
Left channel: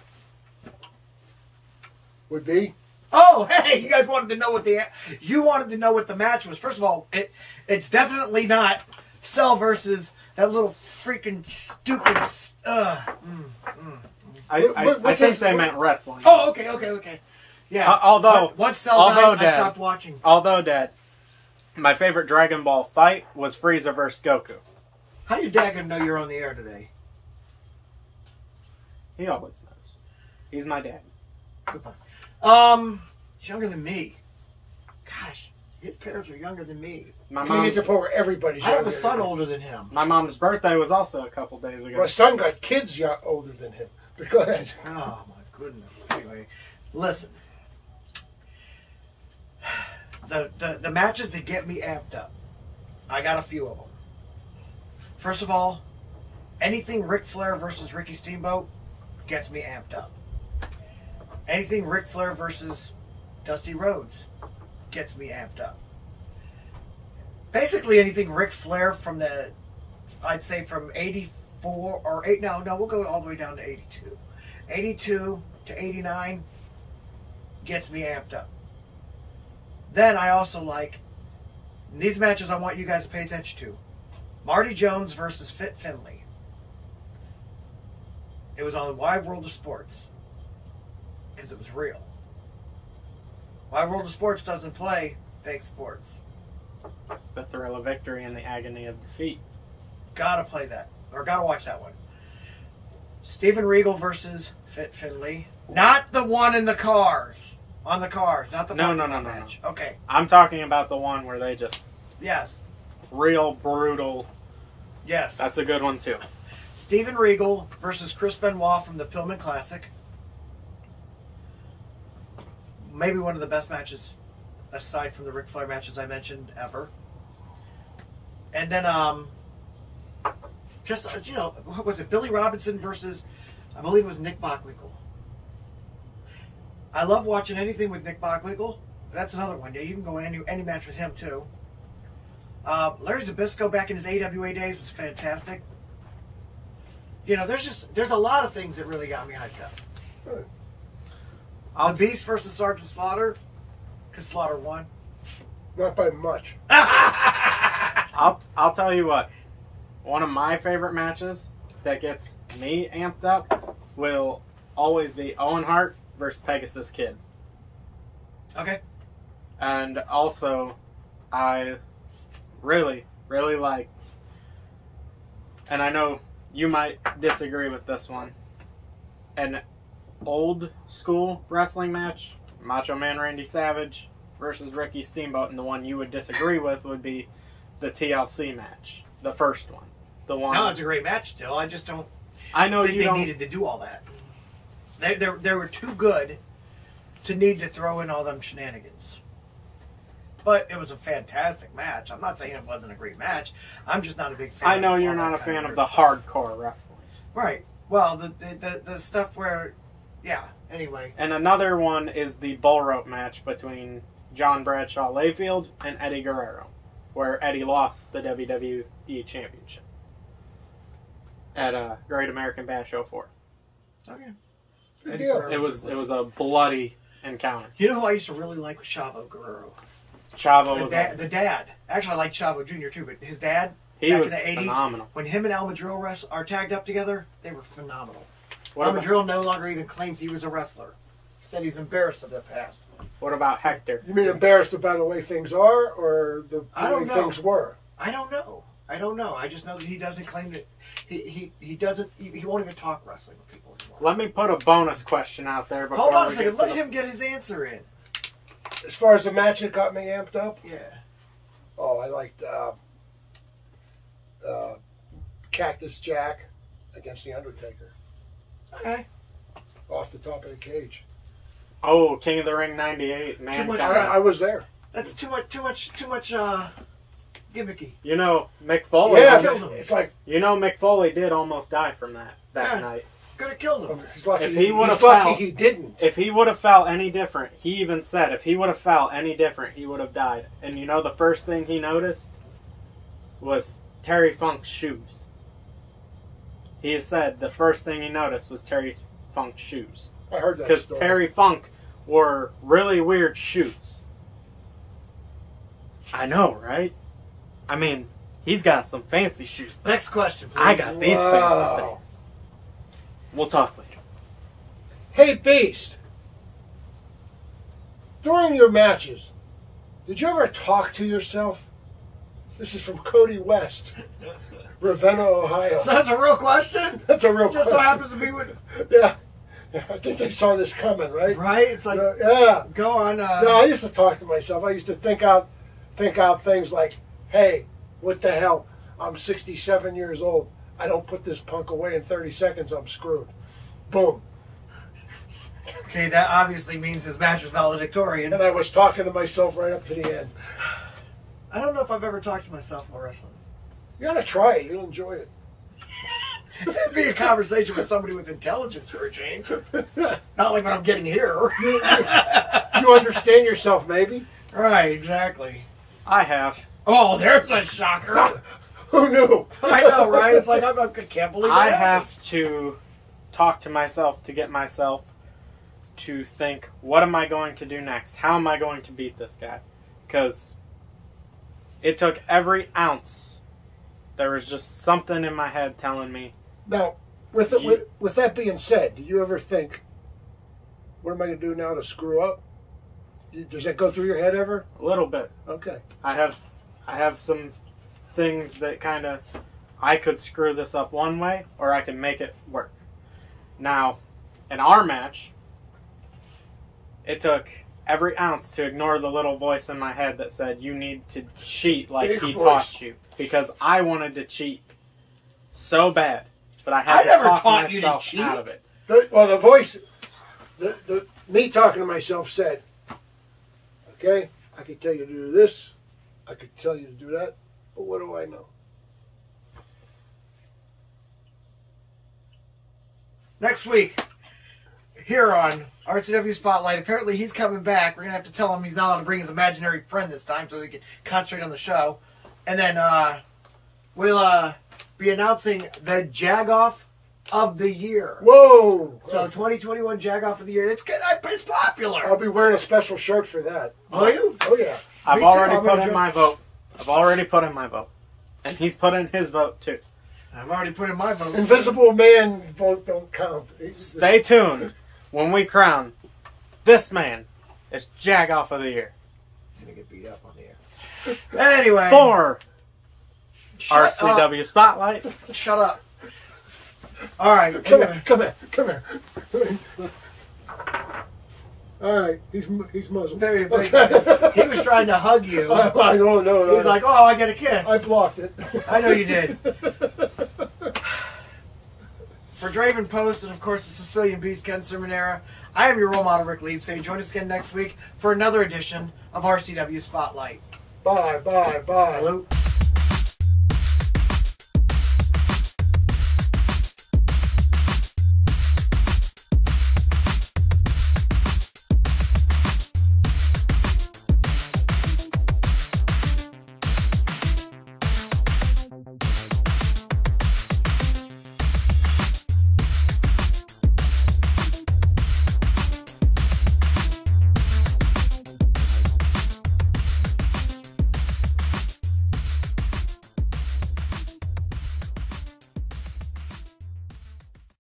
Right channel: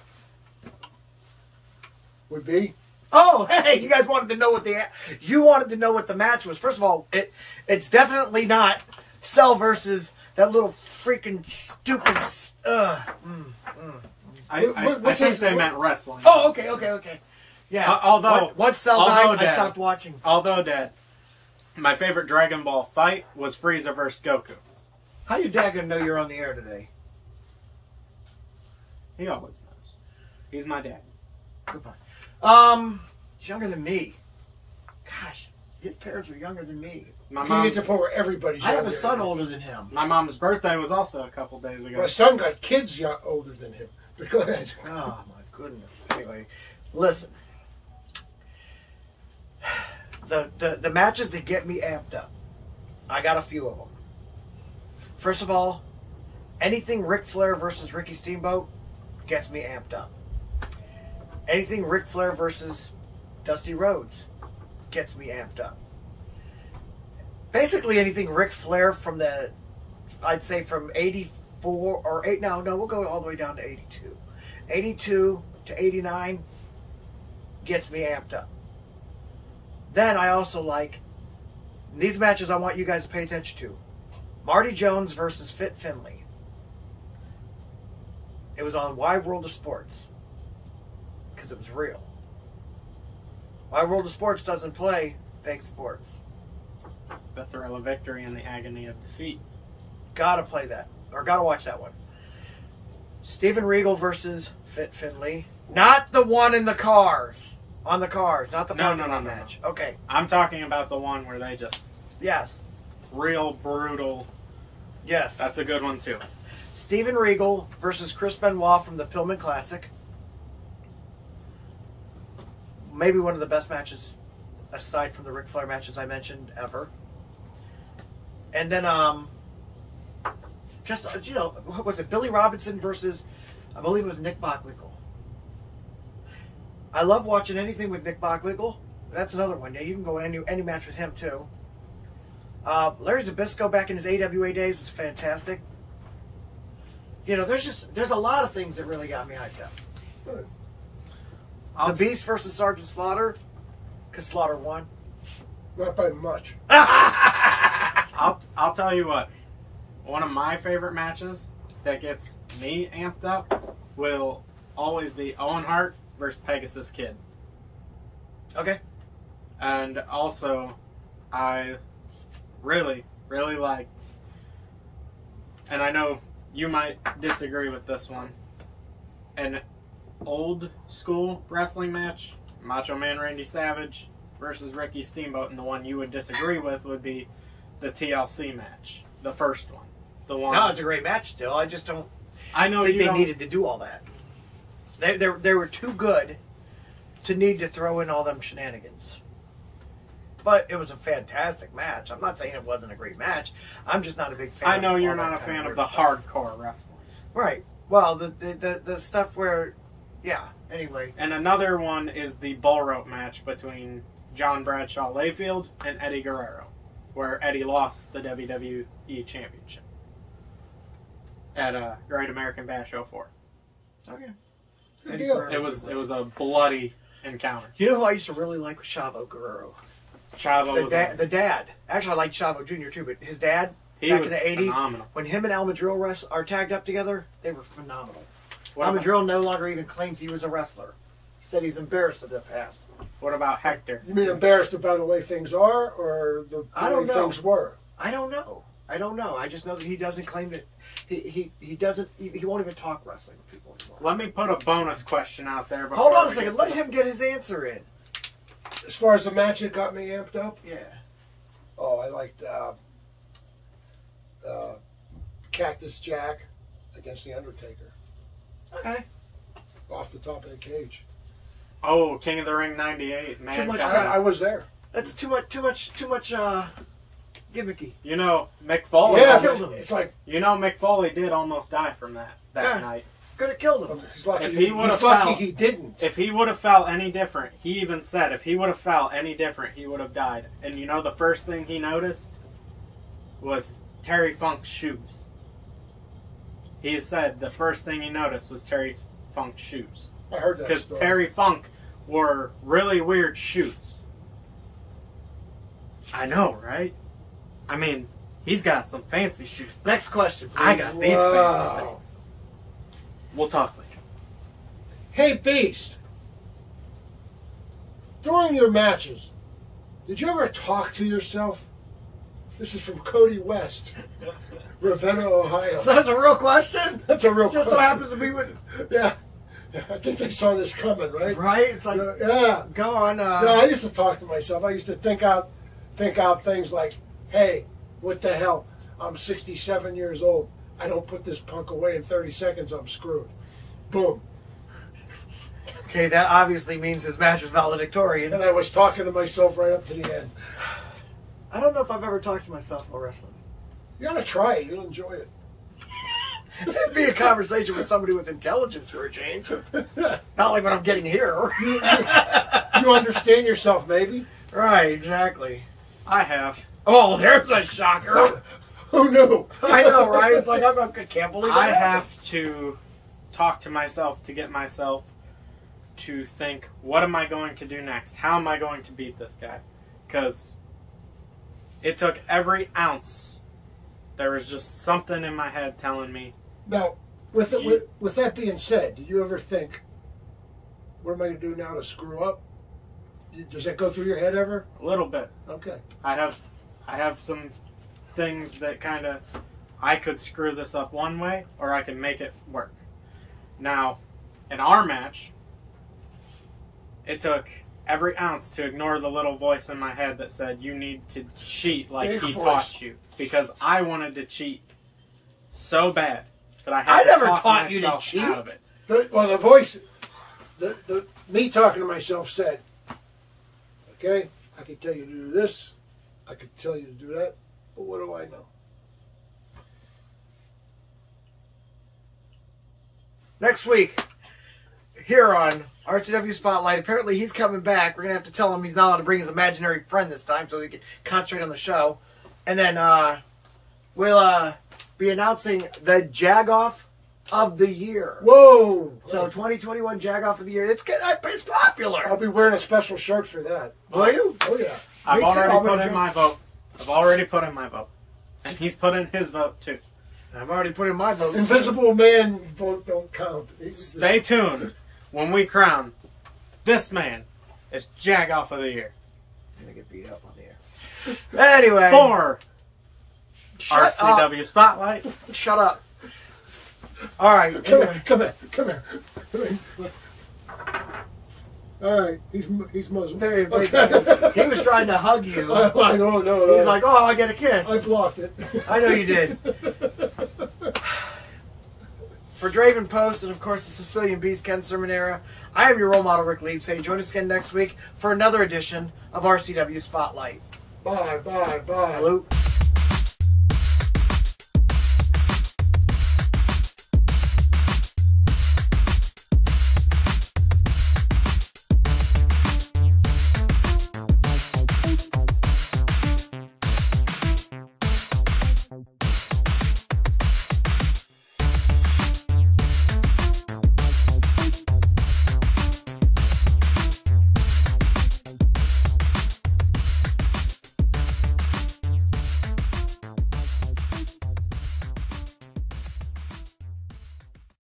Would be. Oh, hey! You guys wanted to know what the match was. First of all, it's definitely not Cell versus that little freaking stupid. I think they meant wrestling. Oh, okay. Yeah. Once Cell died, I stopped watching. Although, Dad, my favorite Dragon Ball fight was Frieza versus Goku. How your dad gonna know you're on the air today? He always knows. He's my dad. Goodbye. He's younger than me. Gosh, his parents are younger than me. You get to the point where everybody's I have a son older than him. My mom's birthday was also a couple days ago. My son got kids older than him. But go ahead. Oh, my goodness. Anyway, listen. The matches that get me amped up, I got a few of them. First of all, anything Ric Flair versus Ricky Steamboat gets me amped up. Anything Ric Flair versus Dusty Rhodes gets me amped up. Basically anything Ric Flair from I'd say from 84 or 8, no, we'll go all the way down to 82. 82 to 89 gets me amped up. Then I also like, these matches I want you guys to pay attention to. Marty Jones versus Fit Finlay. It was on Wide World of Sports. Because it was real. Wide World of Sports doesn't play fake sports. The thrill of victory and the agony of defeat. Gotta play that. Or gotta watch that one. Steven Regal versus Fit Finlay. Not the one in the cars. On the cars, not the parking lot match. No. Okay. I'm talking about the one where they just... Yes. Real brutal. Yes. That's a good one, too. Steven Regal versus Chris Benoit from the Pillman Classic. Maybe one of the best matches, aside from the Ric Flair matches I mentioned, ever. And then, what was it, Billy Robinson versus, I believe it was Nick Bockwinkel. I love watching anything with Nick Bockwinkel. That's another one. Yeah, you can go any match with him too. Larry Zbyszko back in his AWA days was fantastic. You know, there's a lot of things that really got me hyped up. The Beast versus Sergeant Slaughter, because Slaughter won. Not by much. I'll tell you what. One of my favorite matches that gets me amped up will always be Owen Hart versus Pegasus Kid. Okay. And also, I really, really liked, and I know you might disagree with this one, an old school wrestling match, Macho Man Randy Savage versus Ricky Steamboat, and the one you would disagree with would be the TLC match, the first one. The one. No, it's a great match still. I just don't. I know think they needed to do all that. They were too good to need to throw in all them shenanigans. But it was a fantastic match. I'm not saying it wasn't a great match. I'm just not a big fan. I know you're not a fan of the hardcore wrestling. Right. Well, the stuff where, yeah. Anyway. And another one is the bull rope match between John Bradshaw Layfield and Eddie Guerrero, where Eddie lost the WWE Championship at Great American Bash 04. Okay. It was a bloody encounter. You know who I used to really like was Chavo Guerrero. Chavo the dad. Actually, I liked Chavo Jr. too, but his dad back in the 80s, phenomenal. When him and Almadrill are tagged up together, they were phenomenal. Almadrill no longer even claims he was a wrestler. He said he's embarrassed of the past. What about Hector? You mean embarrassed about the way things are, or the way things were? I don't know. I just know that he doesn't claim that he won't even talk wrestling with people anymore. Let me put a bonus question out there. Hold on a second. Let him get his answer in. As far as the match that got me amped up? Yeah. Oh, I liked Cactus Jack against the Undertaker. Okay. Off the top of the cage. Oh, King of the Ring '98, man. Too much. I was there. That's too much gimmicky. You know, Mick Foley. Yeah, killed him. It's like, you know, Mick Foley did almost die from that night. Could have killed him. He's lucky, he didn't. If he would have felt any different, he even said, if he would have felt any different, he would have died. And you know the first thing he noticed was Terry Funk's shoes. He said the first thing he noticed was Terry Funk's shoes. I heard that because story. Terry Funk wore really weird shoes. I know, right? I mean, he's got some fancy shoes. Next question, please. I got these fancy things. We'll talk later. Hey, Beast. During your matches, did you ever talk to yourself? This is from Cody West, Ravenna, Ohio. So that's a real question? That's a real question. Just so happens to be with... Yeah. I think they saw this coming, right? Right? It's like, yeah. Go on. No, I used to talk to myself. I used to think out things like, hey, what the hell? I'm 67 years old. I don't put this punk away in 30 seconds, I'm screwed. Boom. Okay, that obviously means his match was valedictorian. And I was talking to myself right up to the end. I don't know if I've ever talked to myself about wrestling. You gotta try it. You'll enjoy it. It'd be a conversation with somebody with intelligence for a change. Not like what I'm getting here. You understand yourself, maybe? Right, exactly. I have. Oh, there's a shocker. Who knew? I know, right? It's like, I can't believe that I happened. have to talk to myself to get myself to think, what am I going to do next? How am I going to beat this guy? Because it took every ounce. There was just something in my head telling me. Now, with that being said, do you ever think, what am I going to do now to screw up? Does that go through your head ever? A little bit. Okay. I have some things that kind of, I could screw this up one way, or I can make it work. Now, in our match, it took every ounce to ignore the little voice in my head that said, you need to cheat like he taught you. Because I wanted to cheat so bad, but I never taught you to cheat. Out of it. The voice, me talking to myself said, okay, I could tell you to do this, I could tell you to do that, but what do I know? Next week, here on RCW Spotlight. Apparently he's coming back. We're going to have to tell him he's not allowed to bring his imaginary friend this time so he can concentrate on the show. And then we'll be announcing the Jagoff of the Year. Whoa! So 2021 Jagoff of the Year. It's popular. I'll be wearing a special shirt for that. Will you? Oh, yeah. I've already put in my vote. I've already put in my vote. And he's put in his vote, too. I've already put in my vote. Invisible Man vote don't count. Stay tuned when we crown this man as Jagoff of the Year. He's going to get beat up on the air. Anyway. For up. RCW Spotlight. Shut up. All right. Come anyway. here. All right. He's muzzled. There you go. He was trying to hug you. I don't know. He's like, oh, I get a kiss. I blocked it. I know you did. For Draven Post and, of course, the Sicilian Beast, Ken Sermonera, I am your role model, Rick Leap, saying join us again next week for another edition of RCW Spotlight. Bye. Salute.